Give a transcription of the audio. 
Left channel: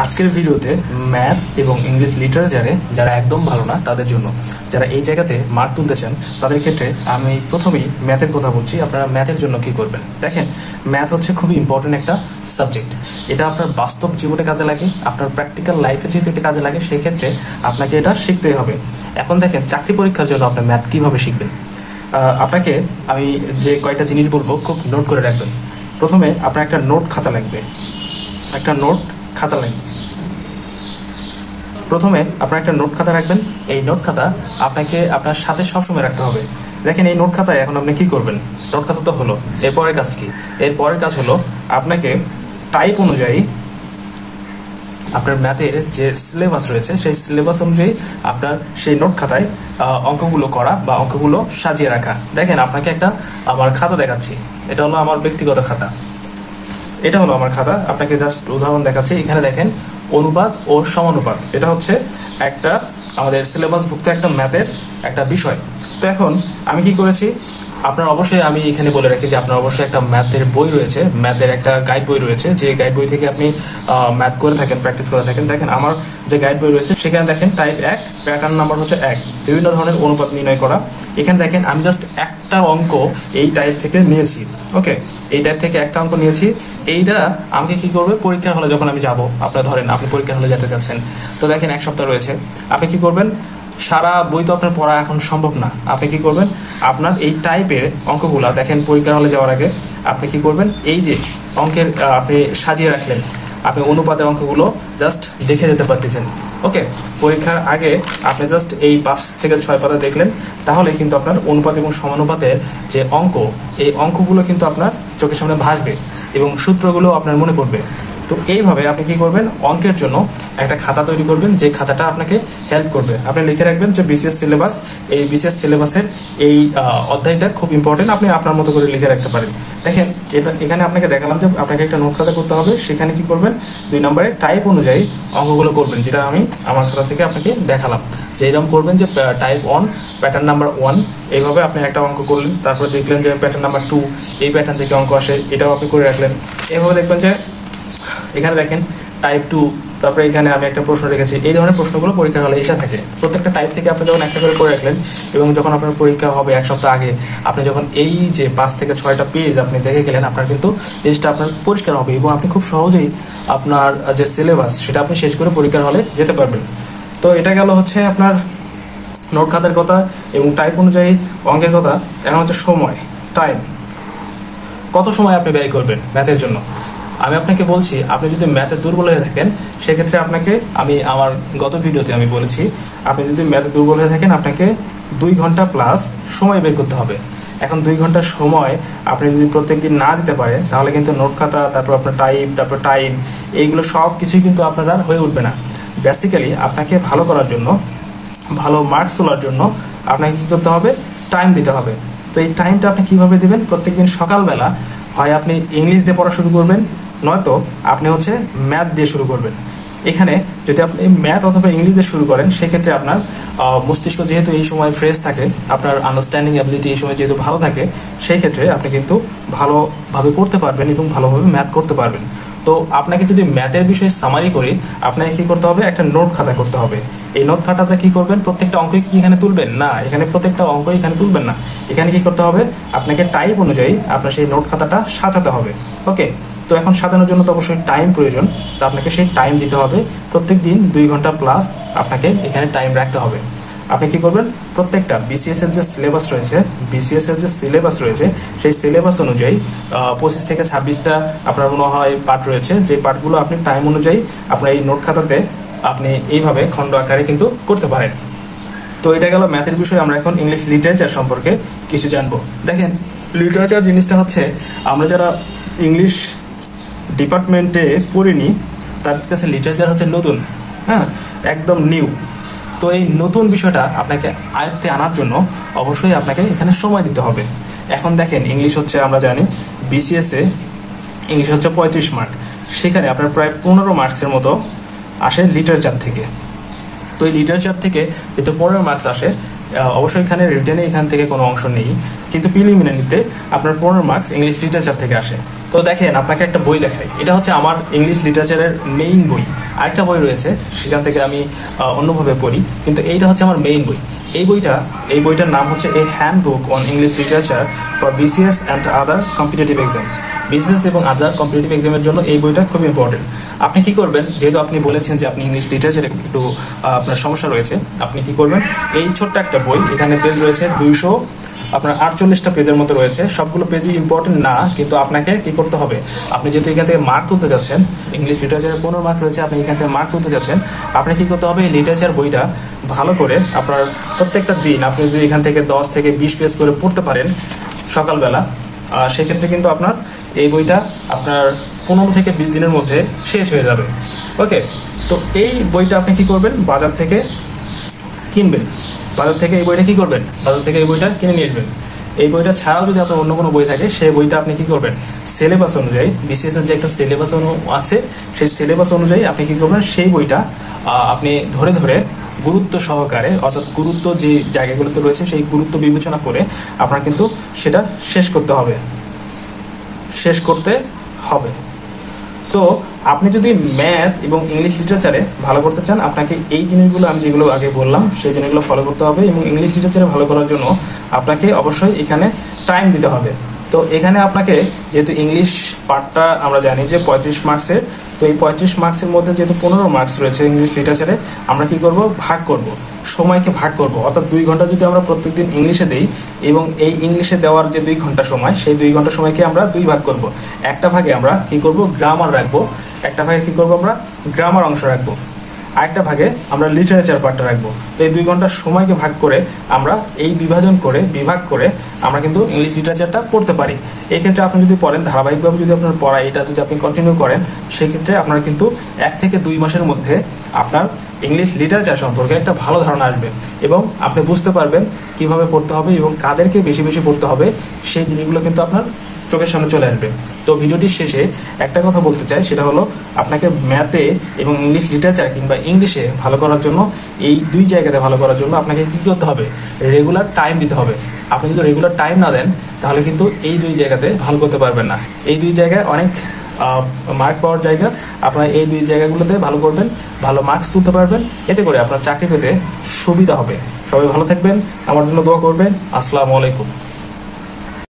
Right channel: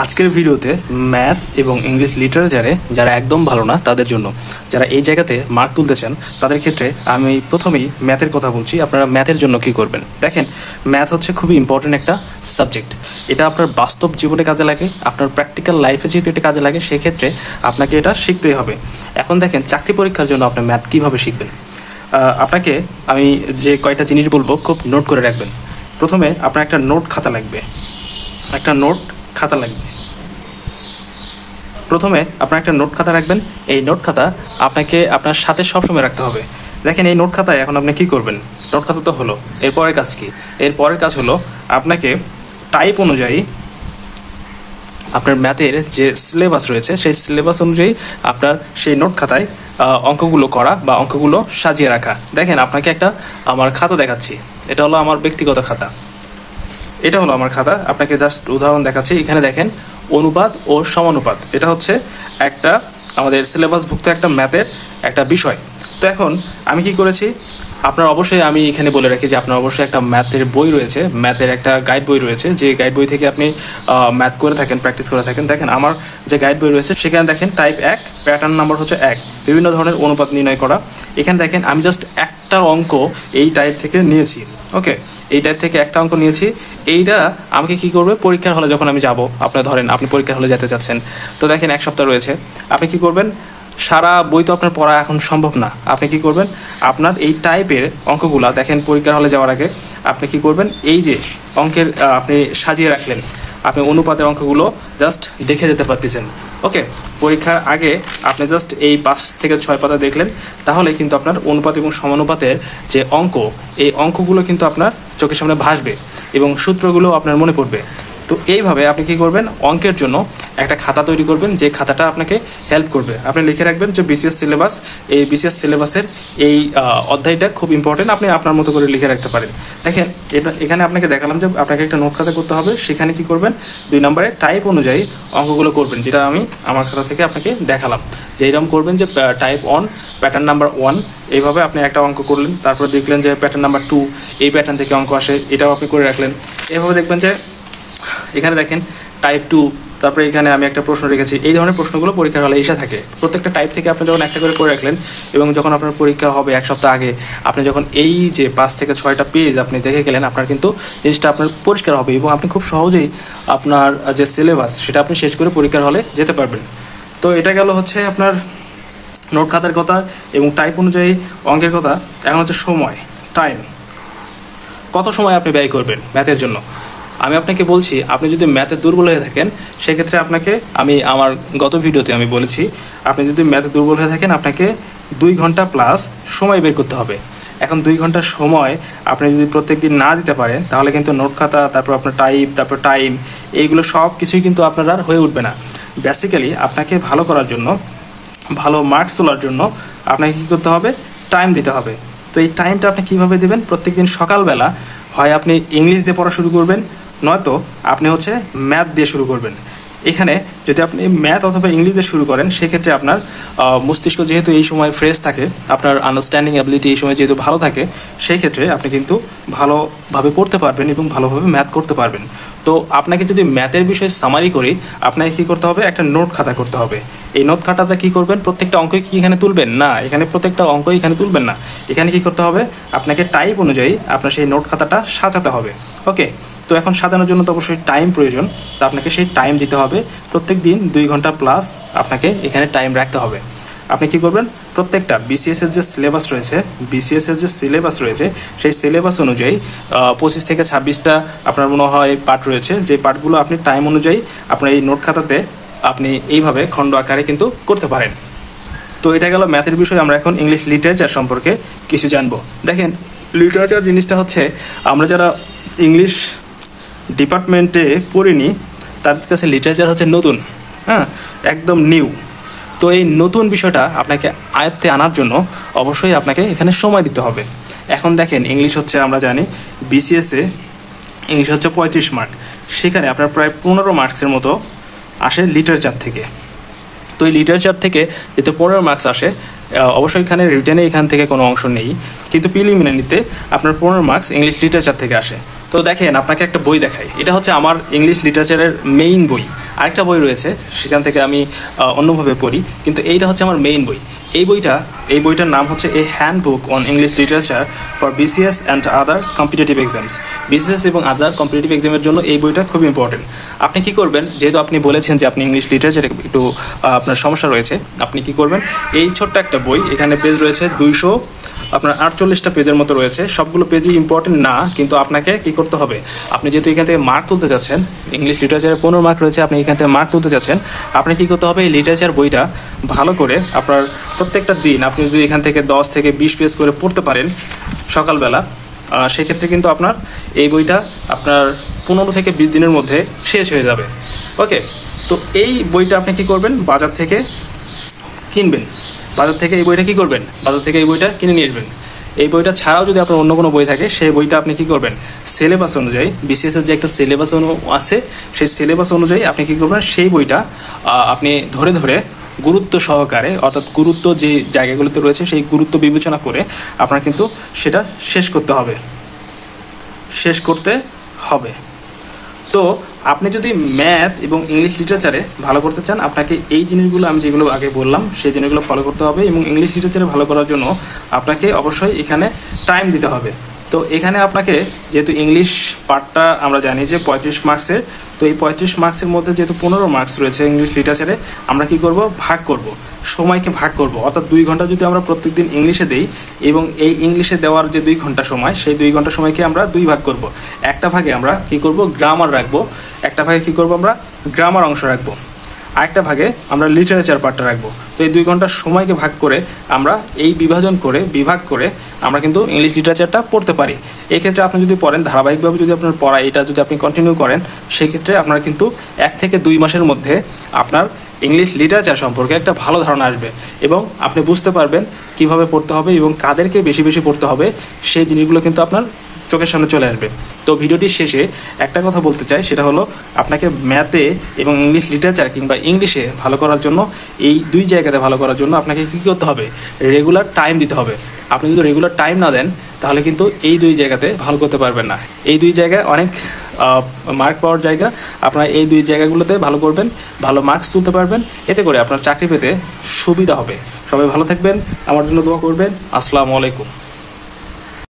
আজকের ভিডিওতে ম্যাথ এবং ইংলিশ লিটারেচারে যারা একদম ভালো না তাদের জন্য, যারা এই জায়গাতে মার্ক তুলতে চান তাদের ক্ষেত্রে আমি প্রথমেই ম্যাথের কথা বলছি। আপনারা ম্যাথের জন্য কি করবেন? দেখেন, ম্যাথ হচ্ছে খুবই ইম্পর্টেন্ট একটা সাবজেক্ট। এটা আপনার বাস্তব জীবনে কাজে লাগে, আপনার প্র্যাকটিক্যাল লাইফে যেহেতু এটা কাজে লাগে সেক্ষেত্রে আপনাকে এটা শিখতেই হবে। এখন দেখেন, চাকরি পরীক্ষার জন্য আপনি ম্যাথ কীভাবে শিখবেন? আপনাকে আমি যে কয়টা জিনিস বলবো খুব নোট করে রাখবেন। প্রথমে আপনার একটা নোট খাতা লাগবে, প্রথমে আপনার একটা নোট খাতা রাখবেন। এই নোট খাতা আপনাকে আপনার সাথে সবসময় রাখতে হবে। দেখেন, এই নোট খাতায় এখন আপনি কি করবেন? নোট খাতা তো হলো, এরপরের কাজ কি? এরপরের কাজ হলো আপনাকে টাইপ অনুযায়ী আপনার ম্যাথের যে সিলেবাস রয়েছে সেই সিলেবাস অনুযায়ী আপনার সেই নোট খাতায় অঙ্কগুলো করা বা অঙ্কগুলো সাজিয়ে রাখা। দেখেন, আপনাকে একটা আমার খাতা দেখাচ্ছি। এটা হলো আমার ব্যক্তিগত খাতা, এটা হলো আমার খাতা। আপনাকে জাস্ট উদাহরণ দেখাচ্ছি। এখানে দেখেন, অনুপাত ও সমানুপাত, এটা হচ্ছে একটা আমাদের সিলেবাসভুক্ত একটা ম্যাথের একটা বিষয়। তো এখন আমি কি করেছি, আপনার অবশ্যই আমি এখানে বলে রাখি যে আপনার অবশ্যই একটা ম্যাথের বই রয়েছে, ম্যাথের একটা গাইড বই রয়েছে, যে গাইড বই থেকে আপনি ম্যাথ করে থাকেন, প্র্যাকটিস করে থাকেন। দেখেন, আমার যে গাইড বই রয়েছে সেখানে দেখেন টাইপ 1, প্যাটার্ন নাম্বার হচ্ছে 1, বিভিন্ন ধরনের অনুপাত নির্ণয় করা। এখানে দেখেন আমি জাস্ট একটা অঙ্ক এই টাইপ থেকে নিয়েছি। ওকে, এই টাইপ থেকে একটা অঙ্ক নিয়েছি। এইটা আমাকে কি করবে, পরীক্ষার হলে যখন আমি যাব, আপনার ধরেন আপনি পরীক্ষার হলে যেতে চাচ্ছেন, তো দেখেন 1 সপ্তাহ রয়েছে। আপনি কি করবেন? সারা বই তো আপনার পড়া এখন সম্ভব না। আপনি কি করবেন? আপনার এই টাইপের অঙ্কগুলা দেখেন, পরীক্ষার হলে যাওয়ার আগে আপনি কি করবেন, এই যে অঙ্কের আপনি সাজিয়ে রাখলেন, আপনি অনুপাতের অঙ্কগুলো জাস্ট দেখে যেতে পারতেছেন। ওকে, পরীক্ষার আগে আপনি জাস্ট এই 5 থেকে 6 পাতা দেখলেন, তাহলে কিন্তু আপনার অনুপাত এবং সমানুপাতের যে অঙ্ক, এই অঙ্কগুলো কিন্তু আপনার চোখের সামনে ভাসবে এবং সূত্রগুলো আপনার মনে পড়বে। তো এইভাবে আপনি কি করবেন, অঙ্কের জন্য একটা খাতা তৈরি করবেন, যে খাতাটা আপনাকে হেল্প করবে। আপনি লিখে রাখবেন যে বিসিএস সিলেবাস, এই বিসিএস সিলেবাসের এই অধ্যায়টা খুব ইম্পর্টেন্ট, আপনি আপনার মতো করে লিখে রাখতে পারেন। দেখেন, এখানে আপনাকে দেখালাম যে আপনাকে একটা নোট খাতা করতে হবে। সেখানে কি করবেন, 2 নম্বরে টাইপ অনুযায়ী অঙ্কগুলো করবেন, যেটা আমি আমার খাতা থেকে আপনাকে দেখালাম। যে এরকম করবেন যে টাইপ 1, প্যাটার্ন নাম্বার 1, এইভাবে আপনি একটা অঙ্ক করলেন। তারপরে দেখলেন যে প্যাটার্ন নাম্বার 2, এই প্যাটার্ন থেকে অঙ্ক আসে, এটাও আপনি করে রাখলেন। এইভাবে দেখবেন যে এখানে দেখেন টাইপ 2, তারপরে এখানে আমি একটা প্রশ্ন রেখেছি। এই ধরনের প্রশ্নগুলো পরীক্ষার হলে এসে থাকে। প্রত্যেকটা টাইপ থেকে আপনি যখন একটা করে রাখলেন এবং যখন আপনার পরীক্ষা হবে 1 সপ্তাহ আগে, আপনি যখন এই যে 5 থেকে 6টা পেজ আপনি দেখে গেলেন, আপনার কিন্তু জিনিসটা আপনার পরিষ্কার হবে এবং আপনি খুব সহজেই আপনার যে সিলেবাস সেটা আপনি শেষ করে পরীক্ষার হলে যেতে পারবেন। তো এটা গেল হচ্ছে আপনার নোট খাতার কথা এবং টাইপ অনুযায়ী অঙ্কের কথা। এখন হচ্ছে সময়, টাইম। কত সময় আপনি ব্যয় করবেন ম্যাথের জন্য? আমি আপনাকে বলছি, আপনি যদি ম্যাথে দুর্বল হয়ে থাকেন সেক্ষেত্রে আপনাকে আমি আমার গত ভিডিওতে আমি বলেছি, আপনি যদি ম্যাথে দুর্বল হয়ে থাকেন আপনাকে 2 ঘন্টা প্লাস সময় বের করতে হবে। এখন 2 ঘন্টা সময় আপনি যদি প্রত্যেক দিন না দিতে পারেন তাহলে কিন্তু নোট খাতা, তারপর আপনার টাইপ, তারপর টাইম, এইগুলো সব কিছুই কিন্তু আপনার আর হয়ে উঠবে না। বেসিক্যালি আপনাকে ভালো করার জন্য, ভালো মার্কস তোলার জন্য আপনাকে কী করতে হবে, টাইম দিতে হবে। তো এই টাইমটা আপনি কীভাবে দেবেন? প্রত্যেকদিন সকালবেলা হয় আপনি ইংলিশ দিয়ে পড়া শুরু করবেন, নয়তো আপনি হচ্ছে ম্যাথ দিয়ে শুরু করবেন। এখানে যদি আপনি ম্যাথ অথবা ইংলিশ দিয়ে শুরু করেন সেক্ষেত্রে আপনার মস্তিষ্ক যেহেতু এই সময় ফ্রেশ থাকে, আপনার আন্ডারস্ট্যান্ডিং অ্যাবিলিটি এই সময় যেহেতু ভালো থাকে, সেই ক্ষেত্রে আপনি কিন্তু ভালোভাবে পড়তে পারবেন এবং ভালোভাবে ম্যাথ করতে পারবেন। তো আপনাকে যদি ম্যাথের বিষয়ে সামারি করি, আপনাকে কী করতে হবে, একটা নোট খাতা করতে হবে। এই নোট খাতাতে কী করবেন, প্রত্যেকটা অঙ্কই কি এখানে তুলবেন না, এখানে প্রত্যেকটা অঙ্কই এখানে তুলবেন না। এখানে কী করতে হবে, আপনাকে টাইপ অনুযায়ী আপনার সেই নোট খাতাটা সাজাতে হবে। ওকে, তো এখন সাজানোর জন্য তো অবশ্যই টাইম প্রয়োজন। তো আপনাকে সেই টাইম দিতে হবে। প্রত্যেক দিন 2 ঘন্টা প্লাস আপনাকে এখানে টাইম রাখতে হবে। আপনি কি করবেন, প্রত্যেকটা বিসিএসের যে সিলেবাস রয়েছে সেই সিলেবাস অনুযায়ী 25 থেকে 26টা আপনার মনে হয় পার্ট রয়েছে, যে পার্টগুলো আপনি টাইম অনুযায়ী আপনার এই নোট খাতাতে আপনি এইভাবে খণ্ড আকারে কিন্তু করতে পারেন। তো এটা গেল ম্যাথের বিষয়। আমরা এখন ইংলিশ লিটারেচার সম্পর্কে কিছু জানবো। দেখেন, লিটারেচার জিনিসটা হচ্ছে, আমরা যারা ইংলিশ ডিপার্টমেন্টে পড়িনি তার কাছে লিটারেচার হচ্ছে নতুন, একদম নিউ। তো এই নতুন বিষয়টা আপনাকে আয়ত্তে আনার জন্য অবশ্যই আপনাকে এখানে সময় দিতে হবে। এখন দেখেন, ইংলিশ হচ্ছে আমরা জানি বিসিএসে ইংলিশ হচ্ছে 35 মার্ক, সেখানে আপনার প্রায় 15 মার্কসের মতো আসে লিটারেচার থেকে। তো এই লিটারেচার থেকে যেহেতু 15 মার্কস আসে, অবশ্যই এখানে রিটেনে এখান থেকে কোনো অংশ নেই, কিন্তু প্রিলিমিনারিতে আপনার 15 মার্কস ইংলিশ লিটারেচার থেকে আসে। তো দেখেন আপনাকে একটা বই দেখাই, এটা হচ্ছে আমার ইংলিশ লিটারেচারের মেইন বই। আরেকটা বই রয়েছে সেখান থেকে আমি অন্যভাবে পড়ি, কিন্তু এইটা হচ্ছে আমার মেইন বই। এই বইটার নাম হচ্ছে a handbook on English literature for BCS and other competitive exams. BCS এবং আদার কম্পিটিটিভ এক্সামের জন্য এই বইটা খুব ইম্পর্টেন্ট। আপনি কি করবেন, যেহেতু আপনি বলেছেন যে আপনি ইংলিশ লিটারেচারে একটু আপনার সমস্যা রয়েছে, আপনি কি করবেন, এই ছোট্ট একটা বই, এখানে পেজ রয়েছে 248টা পেজের মতো রয়েছে। সবগুলো পেজই ইম্পর্টেন্ট না, কিন্তু আপনাকে কি করতে হবে, আপনি যেহেতু এখান থেকে মার্ক তুলতে যাচ্ছেন, ইংলিশ লিটারেচারে 15 মার্ক রয়েছে, আপনি এখান থেকে মার্ক তুলতে যাচ্ছেন, আপনি কি করতে হবে, এই লিটারেচার বইটা ভালো করে আপনার প্রত্যেকটা দিন আপনি যদি এখান থেকে 10 থেকে 20 পেজ করে পড়তে পারেন সকালবেলা, সেক্ষেত্রে কিন্তু আপনার এই বইটা আপনার 15 থেকে 20 দিনের মধ্যে শেষ হয়ে যাবে। ওকে, তো এই বইটা আপনি কি করবেন, বাজার থেকে কিনবেন। বাজার থেকে এই বইটা কি করবেন, বাজার থেকে এই বইটা কিনে নিয়ে আসবেন। এই বইটা ছাড়াও যদি আপনার অন্য কোনো বই থাকে, সেই বইটা আপনি কি করবেন, সিলেবাস অনুযায়ী, বিসিএস এর যে একটা সিলেবাস আছে, সেই সিলেবাস অনুযায়ী আপনি কি করবেন, সেই বইটা আপনি ধরে ধরে গুরুত্ব সহকারে, অর্থাৎ গুরুত্ব যে জায়গাগুলোতে রয়েছে সেই গুরুত্ব বিবেচনা করে আপনার কিন্তু সেটা শেষ করতে হবে। তো আপনি যদি ম্যাথ এবং ইংলিশ লিটারেচারে ভালো করতে চান, আপনাকে এই জিনিসগুলো আমি যেগুলো আগে বললাম সেই জিনিসগুলো ফলো করতে হবে। এবং ইংলিশ লিটারেচারে ভালো করার জন্য আপনাকে অবশ্যই এখানে টাইম দিতে হবে। তো এখানে আপনাকে, যেহেতু ইংলিশ পার্টটা আমরা জানি যে 35 মার্কসের, তো এই 35 মার্কসের মধ্যে যেহেতু 15 মার্কস রয়েছে ইংলিশ লিটারেচারে, আমরা কি করব, সময়কে ভাগ করব। অর্থাৎ 2 ঘন্টা যদি আমরা প্রত্যেকদিন ইংলিশে দেই, এবং এই ইংলিশে দেওয়ার যে 2 ঘন্টা সময়, সেই 2 ঘন্টা সময়কে আমরা 2 ভাগ করব। একটা ভাগে আমরা কি করব, গ্রামার রাখবো, একটা ভাগে কি করব, আমরা গ্রামার অংশ রাখবো, আরেকটা ভাগে আমরা লিটারেচার পার্টটা রাখবো। তো এই 2 ঘন্টার সময়কে ভাগ করে আমরা এই বিভাগ করে আমরা কিন্তু ইংলিশ লিটারেচারটা পড়তে পারি। এই ক্ষেত্রে আপনি যদি পড়েন, ধারাবাহিকভাবে যদি আপনার পড়া এটা যদি আপনি কন্টিনিউ করেন, সেক্ষেত্রে আপনার কিন্তু 1 থেকে 2 মাসের মধ্যে আপনার ইংলিশ লিটারেচার সম্পর্কে একটা ভালো ধারণা আসবে, এবং আপনি বুঝতে পারবেন কিভাবে পড়তে হবে এবং কাদেরকে বেশি বেশি পড়তে হবে, সেই জিনিসগুলো কিন্তু আপনার চোখের সামনে চলে আসবে। তো ভিডিওটির শেষে একটা কথা বলতে চাই, সেটা হলো আপনাকে ম্যাথে এবং ইংলিশ লিটারেচার কিংবা ইংলিশে ভালো করার জন্য, এই 2 জায়গাতে ভালো করার জন্য আপনাকে কী করতে হবে, রেগুলার টাইম দিতে হবে। আপনি যদি রেগুলার টাইম না দেন, তাহলে কিন্তু এই 2 জায়গাতে ভালো করতে পারবেন না। এই 2 জায়গায় অনেক মার্ক পাওয়ার জায়গা, আপনারা এই 2 জায়গাগুলোতে ভালো করবেন, ভালো মার্কস তুলতে পারবেন, এতে করে আপনার চাকরি পেতে সুবিধা হবে। সবাই ভালো থাকবেন, আমার জন্য দোয়া করবেন। আসসালামু আলাইকুম।